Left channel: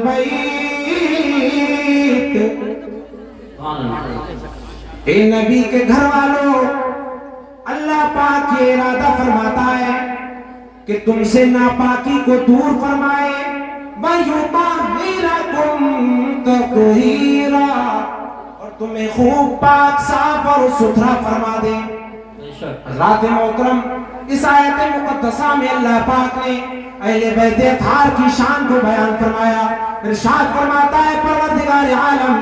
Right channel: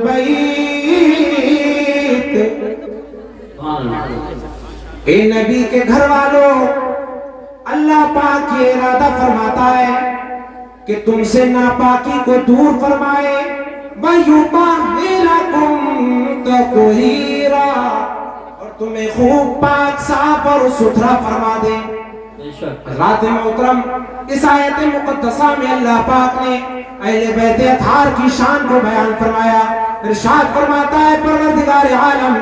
البیت، اے نبی کے گھر والوں، اللہ پاک یہ ارادہ فرماتا ہے کہ تم سے ناپاکی کو دور فرمائے، وَيُطَهِّرَكُمْ تَطْهِيرًا، اور تمہیں خوب پاک صاف اور ستھرا فرما دے۔ حضرات محترم، اس آیت مقدسہ میں اللہ پاک نے اہل بیت اطہار کی شان کو بیان فرمایا۔ ارشاد فرماتا ہے پروردگار عالم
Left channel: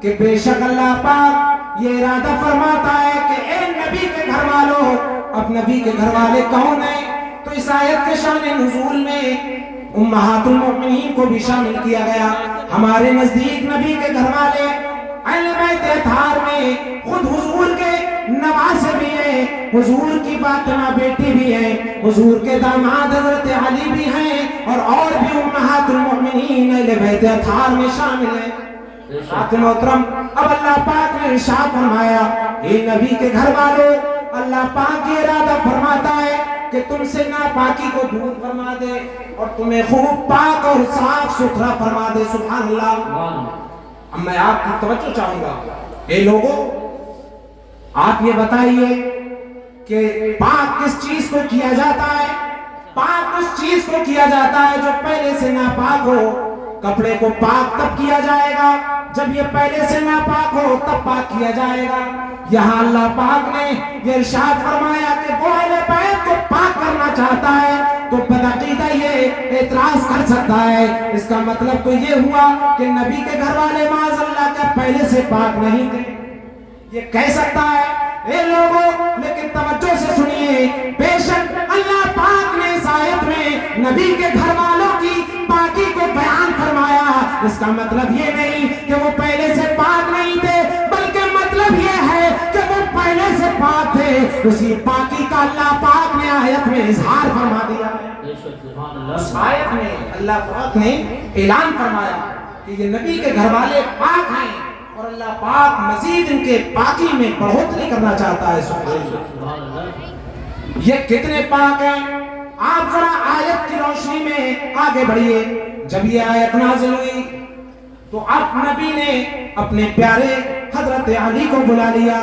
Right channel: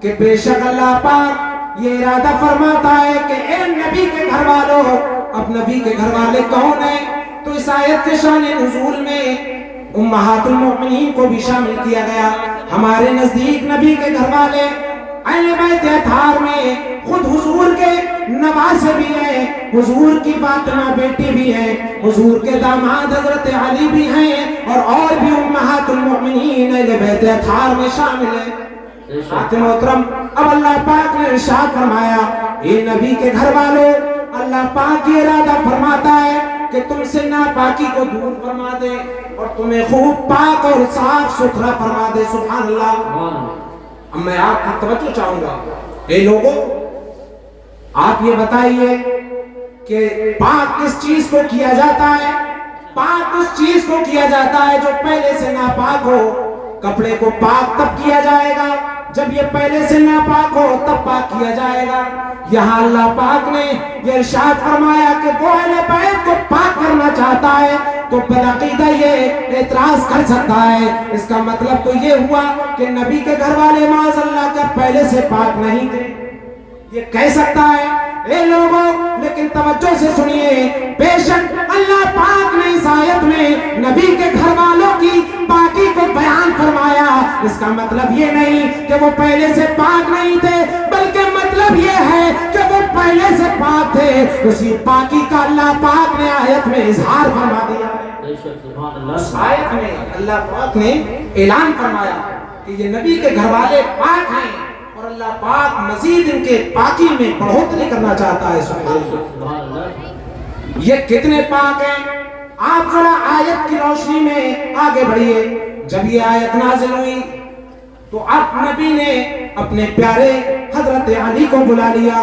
کہ بے شک اللہ پاک یہ ارادہ فرماتا ہے کہ اے نبی کے گھر والوں، اب نبی کے گھر والے کون ہیں؟ تو اس آیت کے شان نزول میں امہات المؤمنین کو بھی شامل کیا گیا۔ ہمارے نزدیک نبی کے گھر والے اہل بیت اطہار میں خود حضور کے نواسے بھی ہیں، حضور کی فاطمہ بیٹی بھی ہیں، حضور کے داماد حضرت علی بھی ہیں، اور بھی امہات المؤمنین اہل بیت اطہار میں شامل ہیں۔ ساتھ محترم، اب اللہ پاک نے ارشاد فرمایا اے نبی کے گھر والوں، اللہ پاک یہ ارادہ فرماتا ہے کہ تم سے ناپاکی کو دور فرما دے اور تمہیں خوب پاک اور صاف ستھرا فرما دے۔ سبحان اللہ۔ اب میں آپ کی توجہ چاہوں گا، اے لوگوں آپ یہ بتائیے کہ پاک کس چیز کو کیا جاتا ہے؟ پاک اس چیز کو کیا جاتا ہے جو پہلے سے ناپاک ہو۔ کپڑے کو پاک تب کیا جائے گا جب یہ پہلے سے ناپاک ہو، تب پاک کیا جائے گا۔ یہاں اللہ پاک نے یہ ارشاد فرمایا کہ وہ اہل بیت کو پاک کرنا چاہتا ہے تو بالعقیدہ یہ اعتراض کر سکتا ہے۔ اس کا مطلب تو یہ ہوا کہ نبی کے گھر والے معاذ اللہ کے پہلے سے پاک نہیں تھے، یہ کہہ سکتا ہے۔ اے لوگوں لیکن توجہ سے سنیے، بے شک اللہ پاک نے اس آیت میں نبی کے گھر والوں کی پاکی کو بیان فرمایا۔ اس کا مطلب یہ نہیں کہ وہ پہلے سے پاک نہیں تھے، بلکہ مطلب یہ ہے کہ وہ پہلے سے پاک تھے۔ اسی پاکی کا اللہ پاک نے آیت میں اظہار فرما دیا ہے۔ اس آیت میں اللہ پاک نے اعلان فرمایا کہ یہ نبی کے گھر والے پاک ہیں اور اللہ پاک مزید ان کے پاکی میں بڑھوتری کرنا چاہتا ہے۔ یہ کتنے پاک ہیں؟ آپ ذرا آیت کی روشنی میں آگے بڑھیے۔ جب یہ آیت نازل ہوئی تو اب نبی نے اپنے پیارے حضرت علی کو بلا لیا،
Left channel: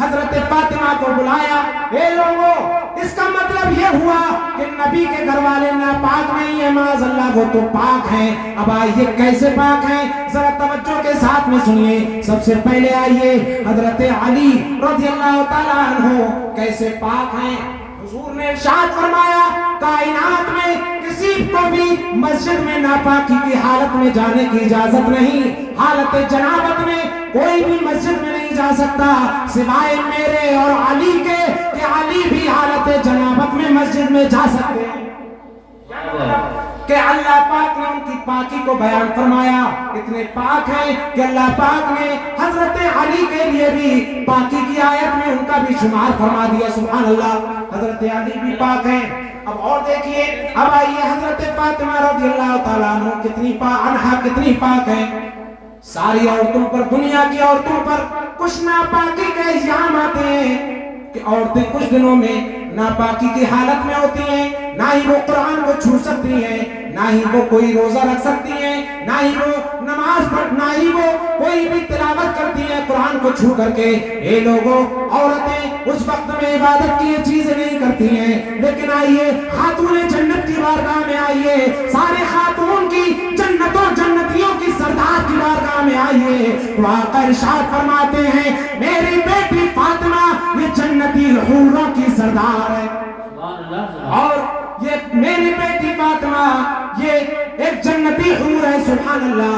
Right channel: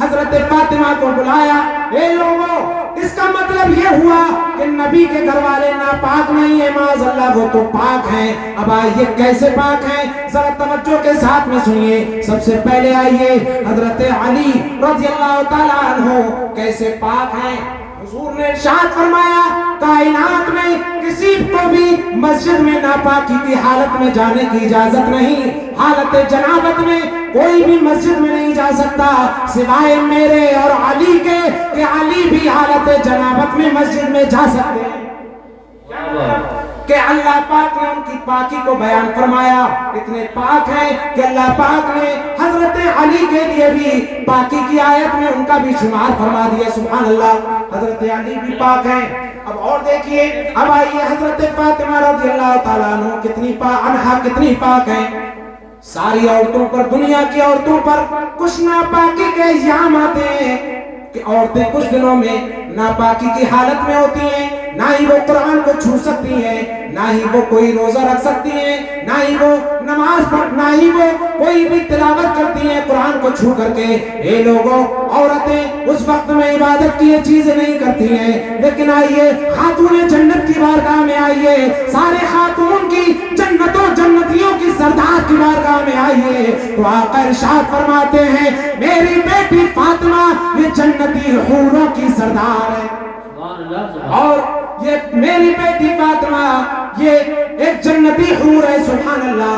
حضرت فاطمہ کو بلایا۔ اے لوگوں، اس کا مطلب یہ ہوا کہ نبی کے گھر والے ناپاک نہیں ہیں، معاذ اللہ وہ تو پاک ہیں۔ اب آئیے کیسے پاک ہیں، ذرا توجہ کے ساتھ میں سنیے۔ سب سے پہلے آئیے حضرت علی رضی اللہ تعالیٰ عنہ کیسے پاک ہیں۔ حضور نے ارشاد فرمایا کائنات میں کسی کو بھی مسجد میں ناپاکی کی حالت میں جانے کی اجازت نہیں۔ حالت جنابت میں کوئی بھی مسجد میں نہیں جا سکتا سوائے میرے اور علی کے، کہ علی بھی حالت جنابت میں مسجد میں جا سکتے ہیں۔ کہ اللہ پاک نے ان کی پاکی کو بیان فرمایا۔ اتنے پاک ہیں کہ اللہ پاک نے حضرت علی کے لیے بھی پاکی کی آیت میں ان کا بھی شمار فرما دیا۔ سبحان اللہ، حضرت علی بھی پاک ہیں۔ اب اور دیکھیے، اب آئیے حضرت فاطمہ رضی اللہ تعالیٰ عنہ کتنی پاک ہیں۔ ساری عورتوں پر، دنیا کی عورتوں پر کچھ ناپاکی کے الزام آتے ہیں کہ عورتیں کچھ دنوں میں ناپاکی کی حالت میں ہوتی ہیں، نہ ہی وہ قرآن کو چھو سکتی ہیں، نہ ہی وہ کوئی روزہ رکھ سکتی ہیں، نہ ہی وہ نماز پڑھ، نہ ہی وہ کوئی بھی تلاوت کرتی ہیں قرآن کو چھو کر کے۔ اے لوگوں، عورتیں اس وقت میں عبادت کی یہ چیزیں نہیں کرتی ہیں۔ لیکن آئیے خاتون جنت کی بارگاہ میں آئیے، سارے خاتون کی جنتوں جنتیوں کی سردار کی بارگاہ میں آئیے تو آقا ارشاد فرماتے ہیں میری بیٹی فاطمہ یہ جنتی حوروں کی سردار ہے، اور یہ میری بیٹی فاطمہ یہ ایک جنتی حور ہے۔ سبحان اللہ۔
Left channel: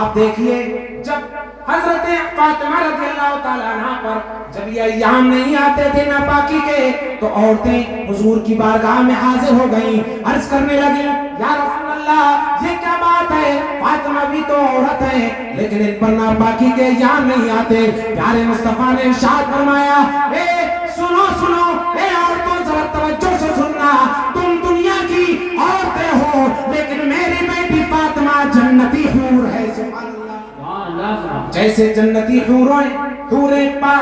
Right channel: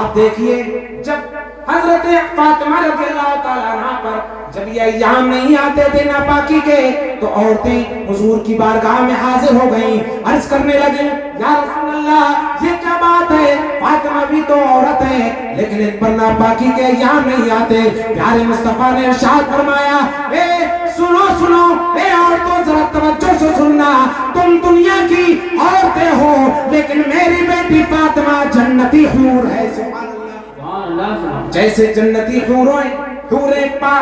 آپ دیکھیے، جب حضرت فاطمہ رضی اللہ تعالیٰ عنہ پر جب یہ ایام نہیں آتے تھے ناپاکی کے تو عورتیں حضور کی بارگاہ میں حاضر ہو گئیں، عرض کرنے لگیں یا رسول اللہ یہ کیا بات ہے، فاطمہ بھی تو عورت ہے لیکن ان پر ناپاکی کے ایام نہیں آتے۔ پیارے مصطفیٰ نے ارشاد فرمایا اے سنو سنو، اے عورتوں ذرا توجہ سے سننا، تم دنیا کی عورتیں ہو لیکن میری بیٹی فاطمہ جنتی حور ہے۔ سبحان اللہ۔ جیسے جنتی حوریں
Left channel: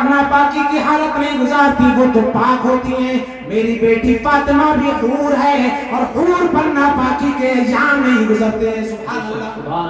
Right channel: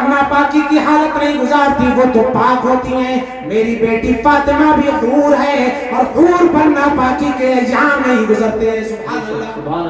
ناپاکی کی حالت نہیں گزارتی، وہ تو پاک ہوتی ہیں، میری بیٹی فاطمہ بھی حور ہے اور حور پر ناپاکی کے ایام نہیں گزرتے ہیں۔ سبحان اللہ۔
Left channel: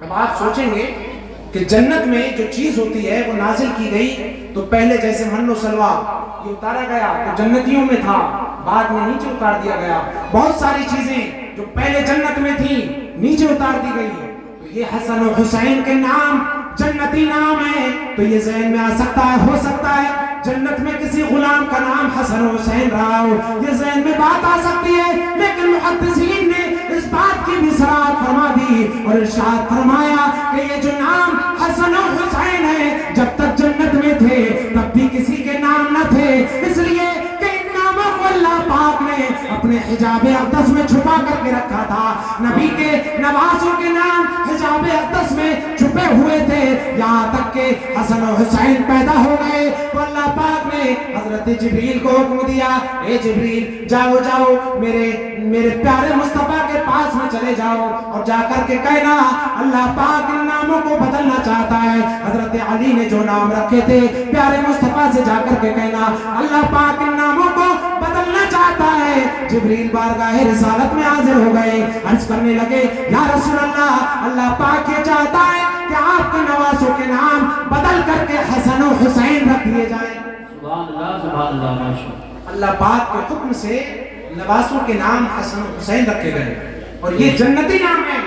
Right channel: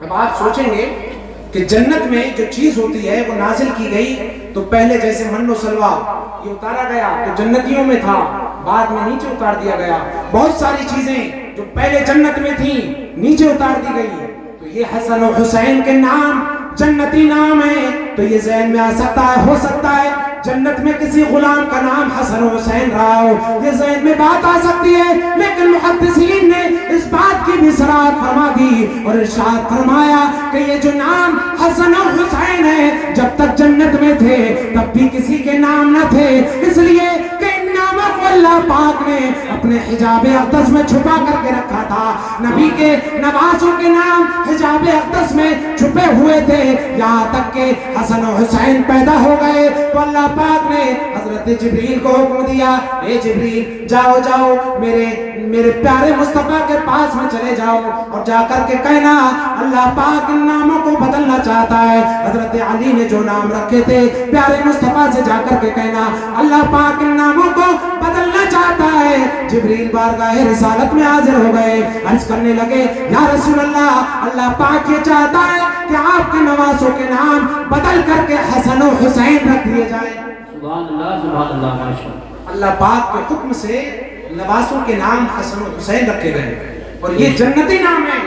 اب آپ سوچیں گے کہ جنت میں جو چیز ہوتی ہے وہ نازل کی گئی تو پہلے جیسے من و سلوا یہ اتارا گیا تو جنتیوں میں تھا، بعد میں نیچے اتار دیا گیا. بہت ساری چیزیں جو پہلے جنت میں تھیں نیچے اتار دی گئی. تو یہ حسن و حسین کے نام جنتی نام ہے. تو یہ ذہن میں آ سکتا ہے، ہو سکتا ہے جنت میں کسی غلام کا نام حسن و حسین رہا ہو، یہ ذہن میں بات آ سکتی ہے. لیکن محدثین نے اس بات کی بھی صراحت فرما دی اور ارشاد فرمایا کہ یہ جو نام حسن و حسین ہے جب تک جنت میں تھے تب بھی کسی کے نام نہ تھے، اس لیے کہ ان ناموں کو اللہ پاک نے اپنے حجاب اقدس میں چھپا کر کے رکھا تھا. نبی کے نواسوں کے نام حجاب اقدس میں چھپے ہوئے تھے یہاں تک کہ حسن و حسین پیدا ہو گئے تو اللہ پاک نے حضرت جبریل کو حکم دیا، اے جبریل جاؤ جاؤ میرے پیارے مصطفیٰ کے پاس میں چلے جاؤ اور جا کر کے کہنا اللہ پاک ان ناموں کو بدلنا چاہتا ہے. حضرت علی نے جو نام رکھے تھے پیارے مصطفیٰ سے جا کر کے کہنا اللہ پاک ان ناموں کو بدلنا چاہتا ہے. جبریل بارگاہ رسالت میں حاضر ہو گئے، عرض کرنے لگے یا رسول اللہ، اللہ پاک یہ چاہتا ہے کہ آپ کے نواسوں کے نام بدل کر کے حسن و حسین رکھ دیے جائیں. سبحان اللہ سبحان اللہ ماشاءاللہ. اللہ پاک کے حکم سے نواسوں کے نام حسن و حسین رکھے گئے اور یہ جنتی نام ہے.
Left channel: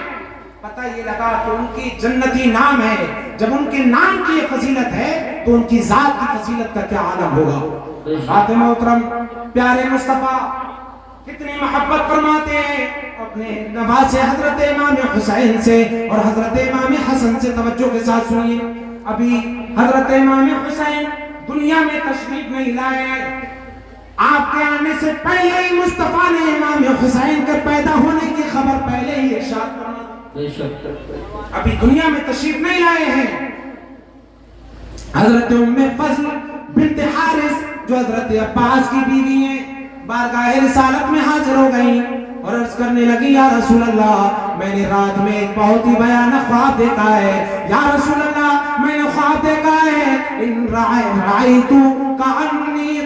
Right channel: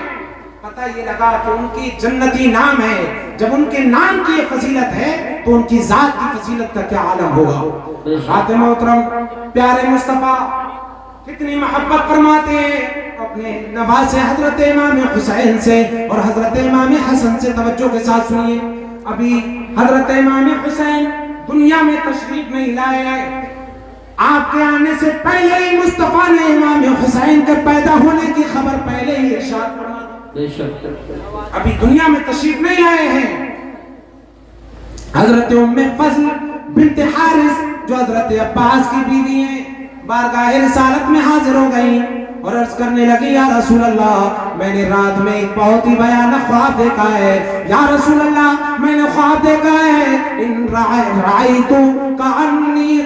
پتہ یہ لگا کہ ان کی جنتی نام ہے. جب ان کے نام کی یہ فضیلت ہے تو ان کی ذات کی فضیلت کا کیا عالم ہوگا. بات محترم پیارے مصطفیٰ کتنی محبت فرماتے ہیں اپنے نواز حضرت امام حسین سے اور حضرت امام حسن سے. توجہ کے ساتھ سنیے، ابھی حضرت امام حسین دنیا میں تشریف نہیں لائے ہیں. آپ کے آنے سے پہلے ہی مصطفیٰ نے امام حسین کے پیدا ہونے کی خبر پہلے ہی ارشاد فرمائی. ابھی دنیا میں تشریف نہیں لائے ہیں. حضرت ام فضل بنت حارث جو حضرت عباس کی بیوی ہیں بارگاہ رسالت میں حاضر ہو گئی اور عرض کرنے لگی یا رسول اللہ میں نے رات میں ایک بہت ہی بھیانک خواب دیکھا ہے. یا رسول اللہ میں نے خواب دیکھا ہے ان رأیت کأنی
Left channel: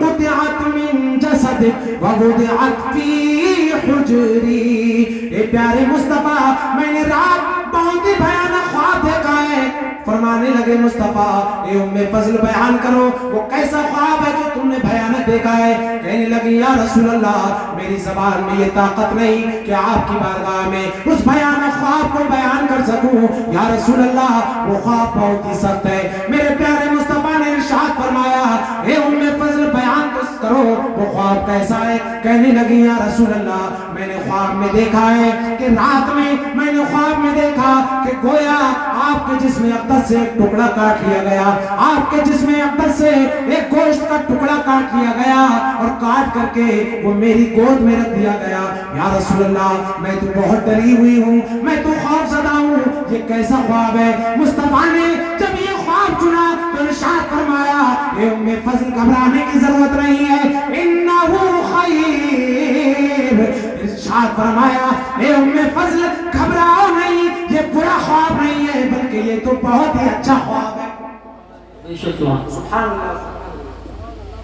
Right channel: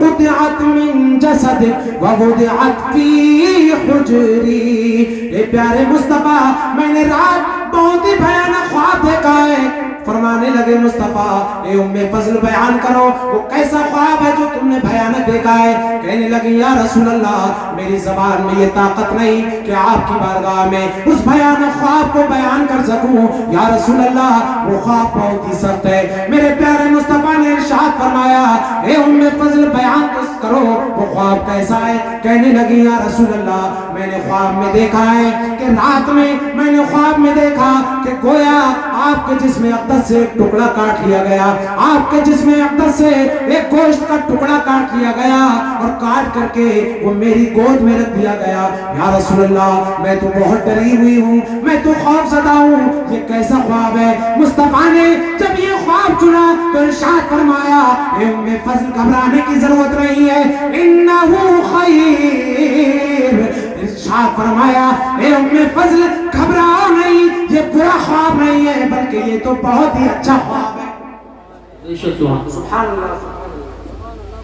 قطعت من جسد ووضعت فی حجری. اے پیارے مصطفیٰ میں نے رات بہت ہی بھیانک خواب دیکھا ہے. فرمانے لگے مصطفیٰ اے ام فضل بیان کرو وہ کیسا خواب ہے جو تم نے بھیانک دیکھا ہے. کہنے لگی یا رسول اللہ میری زبان میں یہ طاقت نہیں کہ آپ کی بارگاہ میں اس بھیانک خواب کو بیان کر سکوں. یا رسول اللہ وہ خواب بہت ہی سخت ہے. میرے پیارے مصطفیٰ نے ارشاد فرمایا اے ام فضل بیان کرو وہ خواب کیسا ہے. کہنے لگی یا رسول اللہ میں نے خواب میں دیکھا ہے کہ رات میں نے خواب میں دیکھا کہ گویا آپ کے جسم اقدس سے ایک ٹکڑا کاٹ لیا گیا، آپ کے جسم اقدس سے ایک گوشت کا ٹکڑا کاٹ لیا گیا اور کاٹ کر کے وہ میری گود میں رکھ دیا گیا. یا رسول اللہ میں تو بہت ڈری ہوئی ہوں، میں تو خوف زدہ ہوں، یہ کیسا خواب ہے. مصطفیٰ نے جب یہ خواب چنا تو ارشاد فرمایا اے ام فضل گھبرانے کی ضرورت نہیں ہے، انہو خیر. ارشاد فرمایا اے ام فضل گھبراؤ نہیں، یہ برا خواب نہیں ہے بلکہ یہ تو بہت ہی اچھا خواب ہے. سبحان اللہ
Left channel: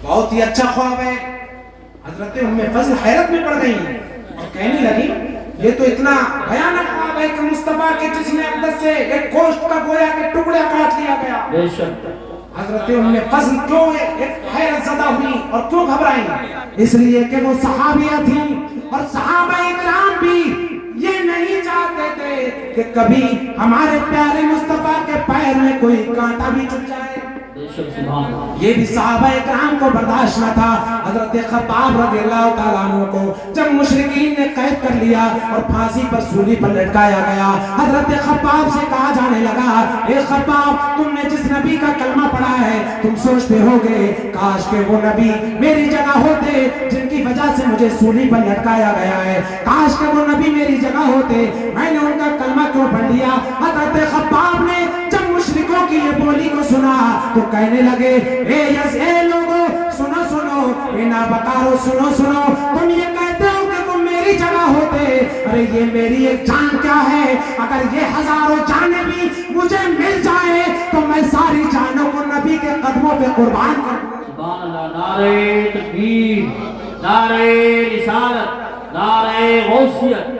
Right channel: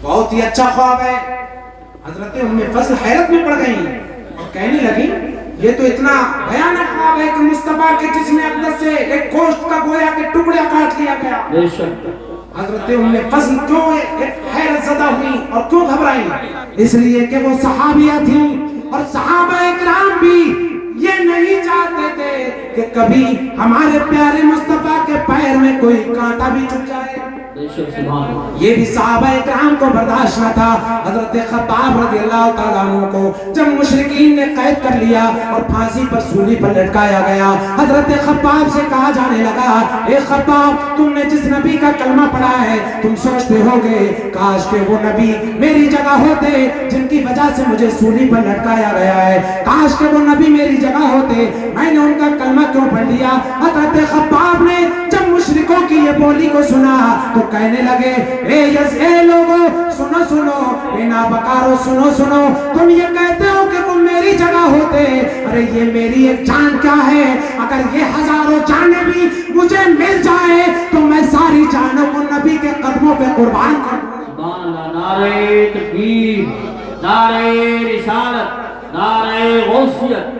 بہت ہی اچھا خواب ہے. حضرت ام فضل حیرت میں پڑ گئی اور کہنے لگی یہ تو اتنا بھیانک خواب ہے کہ مصطفیٰ کے جسم اقدس سے ایک گوشت کا گویا کہ ٹکڑا کاٹ لیا گیا. حضرت ام فضل کیوں حیرت زدہ ہوئی اور کیوں گھبرائی؟ اس لیے کہ وہ صحابیہ تھیں اور صحابہ اکرام بھی یہ نہیں چاہتے تھے کہ کبھی ہمارے پیارے مصطفیٰ کے پیر میں کوئی کانٹا بھی چبھ جائے. یہ بھی صحابہ اکرام کو برداشت نہ تھا. حضرت خباب رضی اللہ تعالیٰ عنہ کو جب مشرکین نے قید کر لیا اور پھانسی پر سولی پر لٹکایا گیا، حضرت خباب سے کہا جانے لگا اے خباب تم نے جس نبی کا کلمہ پڑھا ہے تم سوچتے ہوگے کاش کہ وہ نبی میری جگہ ہوتے جن کی وجہ سے مجھے سولی پر لٹکایا گیا ہے. کاش کہ وہ نبی میری جگہ ہوتے، میں نے ان کا کلمہ کیوں پڑھ لیا. حضرت خباب نے جب مشرکوں کی یہ بولی کو سنا تو کہنے لگے اے لوگوں سنو سنو، اے نابکارو سنو سنو، تم یہ کہتے ہو کہ وہ میری جگہ ہوتے، ارے یہ میری ایک جان کیا ہے. اگر یہ ہزاروں جانیں بھی مجھے مل جائے تو میں ساری جانوں کو نبی کے قدموں پہ قربان کر دوں. سبحان اللہ. نعرہ تکبیر، نعرہ رسالت، نعرہ غوثیت،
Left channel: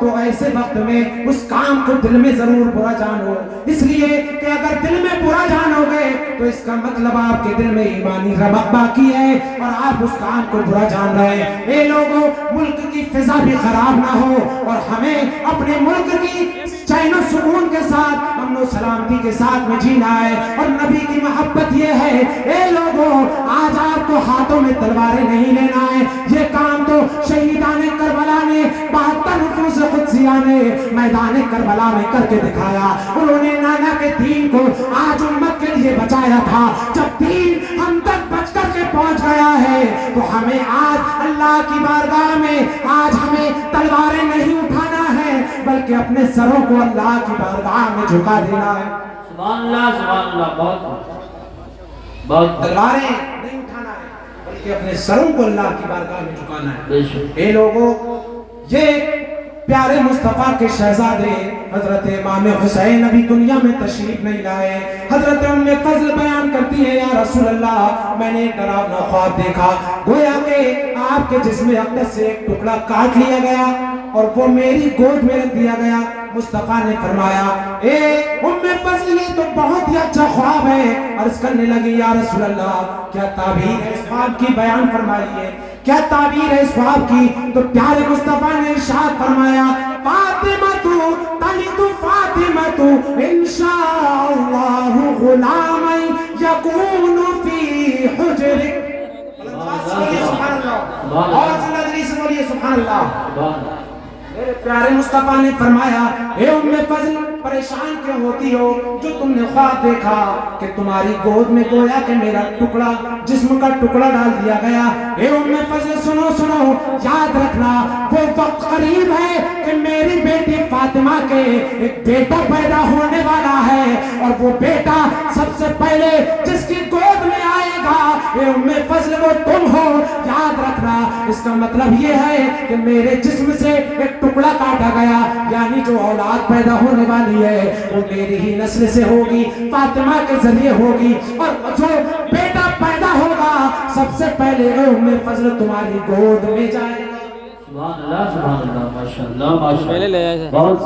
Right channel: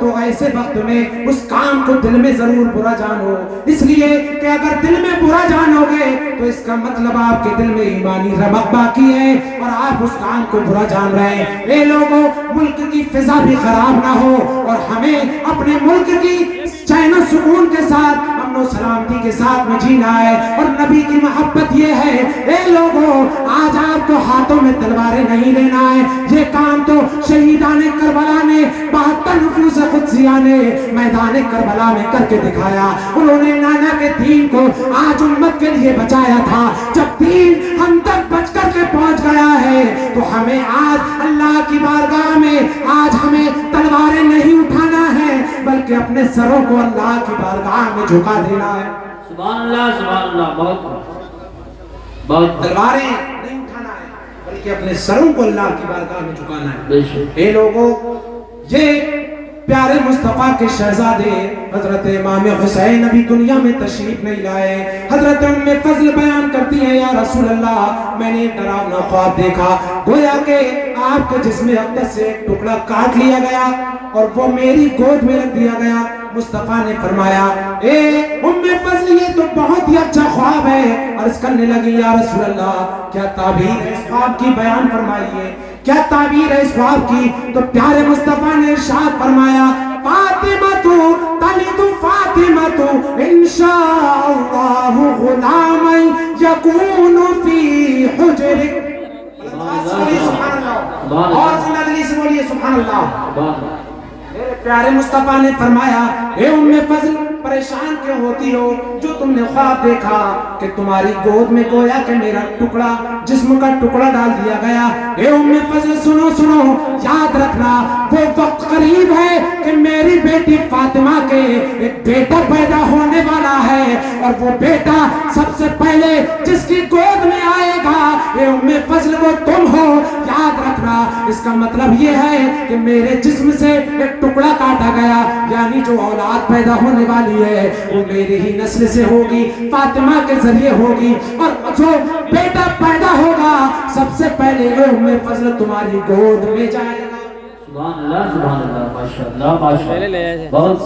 تو ایسے وقت میں اس کام کو دل میں ضرور برا جانو، اس لیے کہ اگر دل میں برا جانو گے تو اس کا مطلب آپ کے دل میں ایمانی رمق باقی ہے اور آپ اس کام کو برا جان رہے ہیں۔ اے لوگوں، ملک کی فضا بھی خراب نہ ہو اور ہمیں اپنے ملک کی چین و سکون کے ساتھ، امن و سلامتی کے ساتھ میں جینا ہے، اور نبی کی محبت یہ ہے۔ اے لوگوں، آج آپ کو ہاتھوں میں تلواریں نہیں لینا ہے، یہ کام تو شہیدان کربلا نے 72 نفوس قدسیہ نے میدان کربلا میں کر کے دکھایا۔ انہوں نے نانا کے دین کو آج امت کے لیے بچایا تھا۔ جب دین ہم تک بچ کر کے پہنچ گیا ہے تو ہمیں آج اللہ کی بارگاہ میں آج ہمیں تلواریں نہیں اٹھانا ہے بلکہ اپنے سروں کو اللہ کی بارگاہ میں جھکا دینا ہے۔ سبحان اللہ، بہت تلواریں نہیں اٹھانا ہے بلکہ اپنے سروں کو اللہ کی بارگاہ میں جھکانا ہے۔ بے شک۔ اے لوگوں، یہ پیارے مصطفیٰ کے شہزادے حضرت امام حسین ابھی دنیا میں تشریف نہیں لائے۔ حضرت ام فضل بیان کرتی ہے، یا رسول اللہ، میں نے ایک ڈراؤنا خواب دیکھا، گویا کہ آپ کے جسم اقدس سے ایک ٹکڑا کاٹ لیا گیا اور وہ میری گود میں رکھ دیا گیا۔ مصطفیٰ نے فرمایا، اے ام فضل، یہ تو بہت ہی اچھا خواب ہے۔ عرض کرنے لگی، یا رسول اللہ، کیا تعبیر ہے اس خواب کی؟ بیان فرمائیے، کیا تعبیر ہے اس خواب کی؟ تو پیارے مصطفیٰ نے ارشاد فرمایا، فاطمہ تلد فاطمہ انشاءاللہ غلام یکون فی حجرک۔ اور زندگی سے بولیے سبحان اللہ۔ میرے پیارے مصطفیٰ نے فرمایا، اے ام فضل، پریشان کیوں ہوتی ہو؟ جو تم نے خواب دیکھا کہ تمہاری گود میں گویا کہ میرا ٹکڑا، جسم کا ٹکڑا ڈال دیا گیا۔ اے ام فضل، سنو، یاد رکھنا، وہ وقت قریب ہے کہ میری بیٹی فاطمہ کے ایک بیٹا پیدا ہونے والا ہے، اور وہ بیٹا سب سے پہلے جس کی گود میں آئے گا، اے ام فضل، وہ تم ہو۔ یاد رکھنا، اس کا مطلب یہ ہے کہ میرے جسم سے ایک ٹکڑا کاٹا گیا، یعنی جو اولاد پیدا ہونے والی ہے وہ میری ہی نسل سے ہوگی، فاطمہ کے ذریعے ہوگی، اور جو بیٹا پیدا ہوگا سب سے پہلے اے ام فضل تمہاری گود میں جائے گا۔ سبحان اللہ، ماشاءاللہ، بہت